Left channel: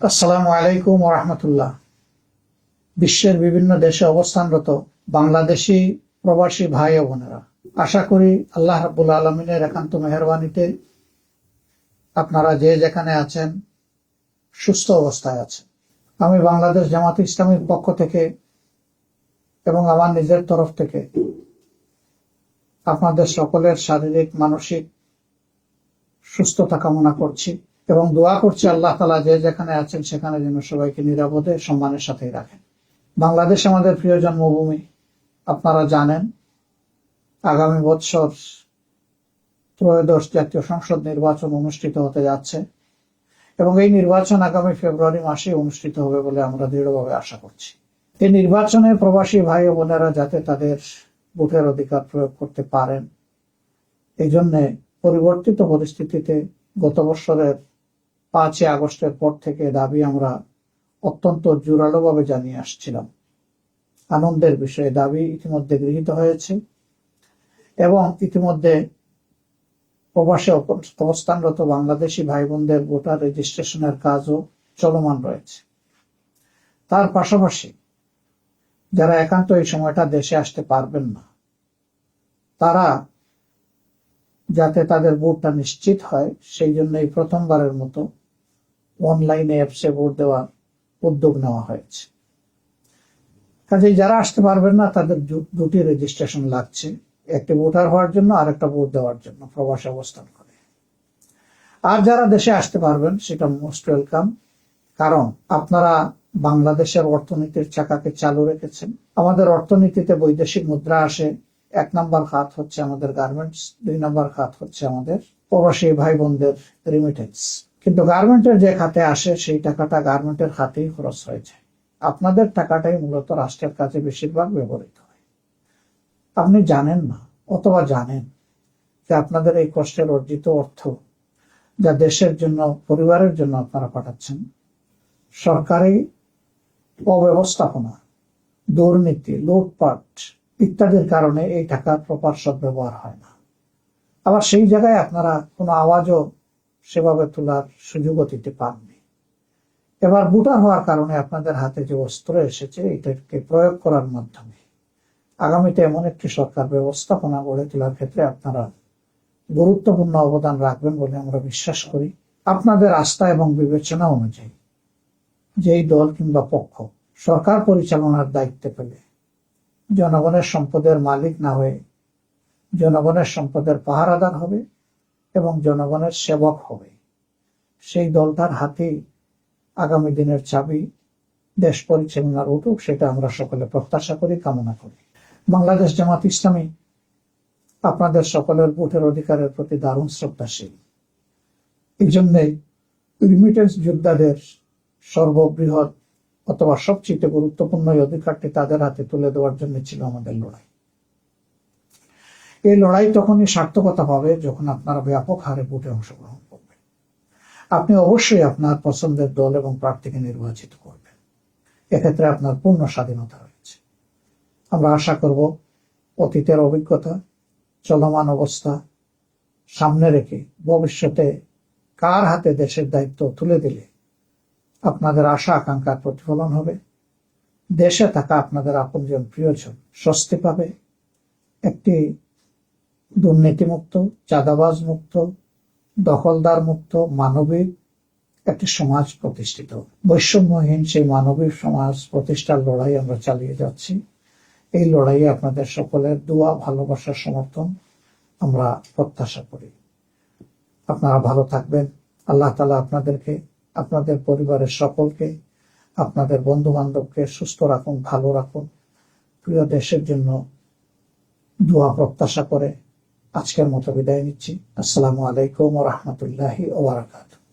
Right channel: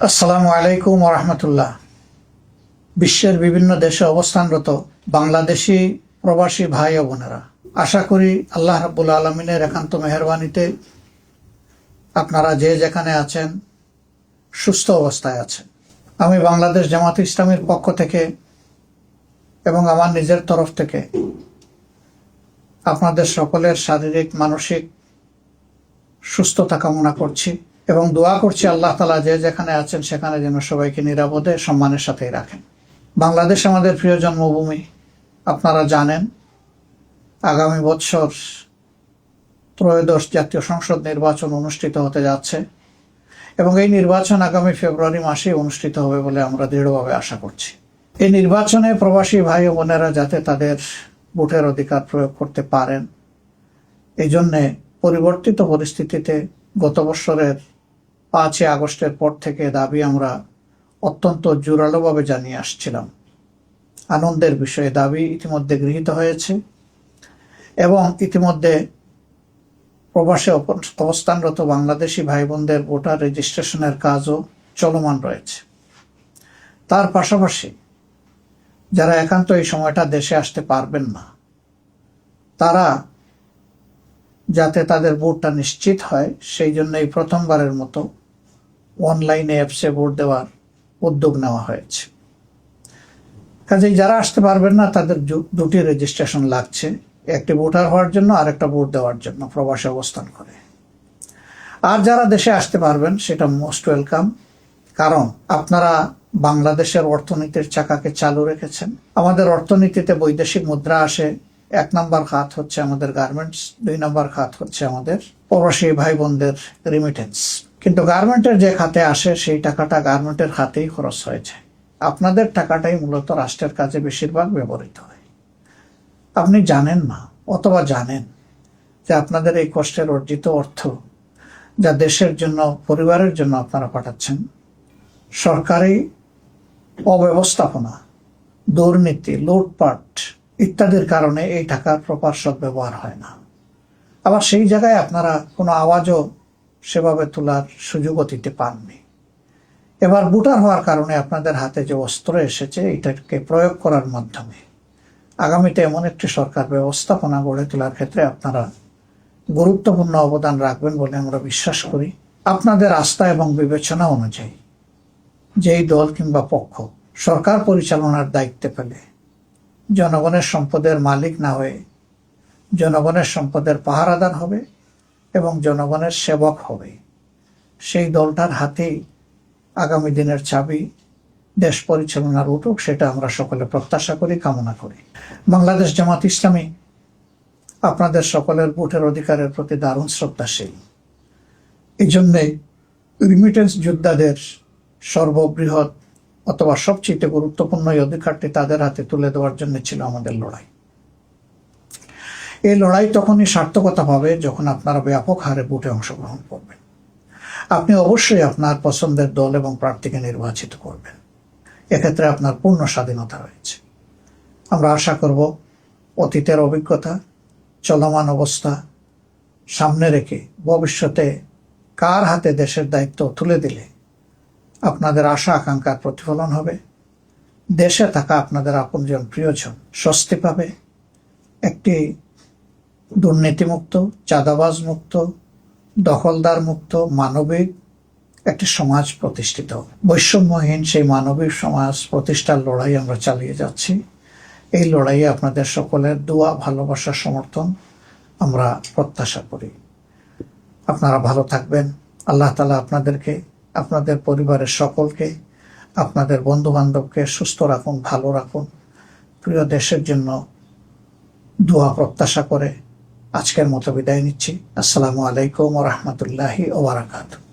আসসালামু আলাইকুম ওরহমতুল্লাহ। বিশ্বের বিভিন্ন দেশে অবস্থানরত বাংলাদেশি প্রবাসী ভাই ও বোনেরা, আশা করি আল্লাহ রাব্বুল আলমিনের একান্ত মেহরবানিতে আপনারা যে যেখানে আছেন সুস্থ অবস্থায় আছেন। আমি বাংলাদেশ জামাত ইসলামীর পক্ষ থেকে এবং আমার নিজের তরফ থেকে আপনাদের সকলের শারীরিক মানসিক সুস্থতা কামনা করছি এবং দোয়া করছি আল্লাহ তাআলা যে যেখানে আছেন সেখানে যেন সবাইকে নিরাপদে সম্মানের সাথেই রাখেন। বাংলাদেশ আমাদের প্রিয় জন্মভূমি। আপনারা জানেন আগামী বছর ত্রয়োদশ জাতীয় সংসদ নির্বাচন অনুষ্ঠিত হতে যাচ্ছে এবং এই নির্বাচন আগামী ফেব্রুয়ারি মাসে অনুষ্ঠিত হবে বলে আমরা দৃঢ়ভাবে আশা করছি। এই নির্বাচনে প্রবাসী ভাই ও বোনেরা যাতে তাদের ভোটের অধিকার প্রয়োগ করতে পারেন, এই জন্যে পরিবর্তিত পরিস্থিতিতে গত বছরের 5 আগস্টের পর থেকে দাবি আমরা অত্যন্ত জোরালোভাবে জানিয়ে আসছিলাম। আনন্দের বিষয়ে দাবি ইতিমধ্যে গৃহীত হয়েছে এবং ইতিমধ্যে প্রবাসে অবস্থানরত বাংলাদেশি ভাই বোনদের ভোটার রেজিস্ট্রেশনের কাজও চলমান রয়েছে। তার পাশাপাশি যারা একান্ত এই সময়টা দেশে আসতে পারবেন না, তারা যাতে তাদের ভোটটা নিশ্চিত হয় সেই জন্য এই প্রথমবারের মতো অনলাইনে অ্যাপসে ভোট দেওয়ার উদ্যোগ নেওয়া হয়েছে। কাজেই যারা আসতে পারবেন না তাদের দুটি রেজিস্ট্রেশন লাগছে, একটি ভোটার হওয়ার জন্য আর একটা ভোট দেওয়ার জন্য প্রবাসে অবস্থান করে। আর যারা দেশে আসতে পারবেন সেটা মোস্ট ওয়েলকাম, কারণ আপনারা বাংলাদেশের অর্থনীতির চাকাকে চালু রেখেছেন। আমাদের অর্থনীতিতে বৈদেশিক মুদ্রা আসে, 1 নম্বর খাত হচ্ছে আমাদের গার্মেন্টস, 2 নম্বর খাত হচ্ছে আমাদের প্রবাসী ভাই বোনদের রিমিটেন্স। কিন্তু গার্মেন্টের যে খাতে আসে সেই টাকাটা গার্মেন্টের খাতেই খরচ হয়েছে। আপনাদের টাকাটাই মূলত রাষ্ট্রের কাজে বেশিরভাগ ব্যবহৃত হয়। আপনি জানেন না অথবা জানেন যে আপনাদের এই কষ্টের অর্জিত অর্থ যা দেশের জন্য, পরিবারের জন্য আপনারা পাঠাচ্ছেন, সরকারি অব্যবস্থাপনা, দুর্নীতি, লুটপাট ইত্যাদির কারণে এই টাকার প্রপার সদ্ব্যবহার হয় না। আবার সেই জায়গায় আপনারা কোনো আওয়াজও সেভাবে তোলার সুযোগও দিতে পাননি। এবার ভোটার হওয়ার কারণে আপনাদের হাতে যে অস্ত্র এসেছে এটাকে প্রয়োগ করার মাধ্যমে আগামীতে এমন একটি সরকার ব্যবস্থাপনা গড়ে তোলার ক্ষেত্রে আপনারা গুরুত্বপূর্ণ অবদান রাখবেন বলে আমরা বিশ্বাস করি। আপনাদের আস্থা এবং বিবেচনা অনুযায়ী যেই দল কিংবা পক্ষ সরকার পরিচালনার দায়িত্বে পেলে জনগণের সম্পদের মালিক না হয়ে জনগণের সম্পদের পাহারাদার হবে এবং জনগণের সেবক হবে, সেই দলটার হাতেই আগামী দিনের চাবি দেশ পরিচালনার উঠুক, সেটা আমরা সকলে প্রত্যাশা করি, কামনা করি। বাংলাদেশ জামাত ইসলামী আপনাদের সকলের ভোটের অধিকারের প্রতি দারুণ শ্রদ্ধাশীল। এই জন্যেই রিমিটেন্স যোদ্ধাদের সর্ববৃহৎ অথবা সবচেয়ে গুরুত্বপূর্ণ এই অধিকারটি তাদের হাতে তুলে দেওয়ার জন্য ছিল আমাদের লড়াই। এই লড়াই তখনই সার্থকতা পাবে যখন আপনারা ব্যাপক হারে ভোটে অংশগ্রহণ করবেন। আপনি অবশ্যই আপনার পছন্দের দল এবং প্রার্থীকে নির্বাচিত করবেন, এক্ষেত্রে আপনার পূর্ণ স্বাধীনতা রয়েছে। আমরা আশা করব অতীতের অভিজ্ঞতা, চলমান অবস্থা সামনে রেখে ভবিষ্যতে কার হাতে দেশের দায়িত্ব তুলে দিলে আপনাদের আশা আকাঙ্ক্ষার প্রতিফলন হবে, দেশে থাকা আপনাদের আপনজন প্রিয়জন স্বস্তি পাবে, একটি দুর্নীতিমুক্ত, চাঁদাবাজ মুক্ত, দখলদার মুক্ত, মানবিক একটি সমাজ প্রতিষ্ঠিত, বৈষম্যহীন সেই মানবিক সমাজ প্রতিষ্ঠার লড়াই আমরা চালিয়ে যাচ্ছি। এই লড়াইয়ে আপনাদের সকলের দোয়া, ভালোবাসা, সমর্থন আমরা প্রত্যাশা করি। আপনারা ভালো থাকবেন। আল্লাহ তাআলা আপনাদেরকে, আপনাদের পরিবারের সকলকে, আপনাদের বন্ধু বান্ধবকে সুস্থ রাখুন, ভালো রাখুন। প্রিয় দেশের জন্য দোয়া প্রত্যাশা করে আজকের মতো বিদায় নিচ্ছি। আসসালামু আলাইকুম ওয়া রাহমাতুল্লাহি ওয়া বারাকাতুহু।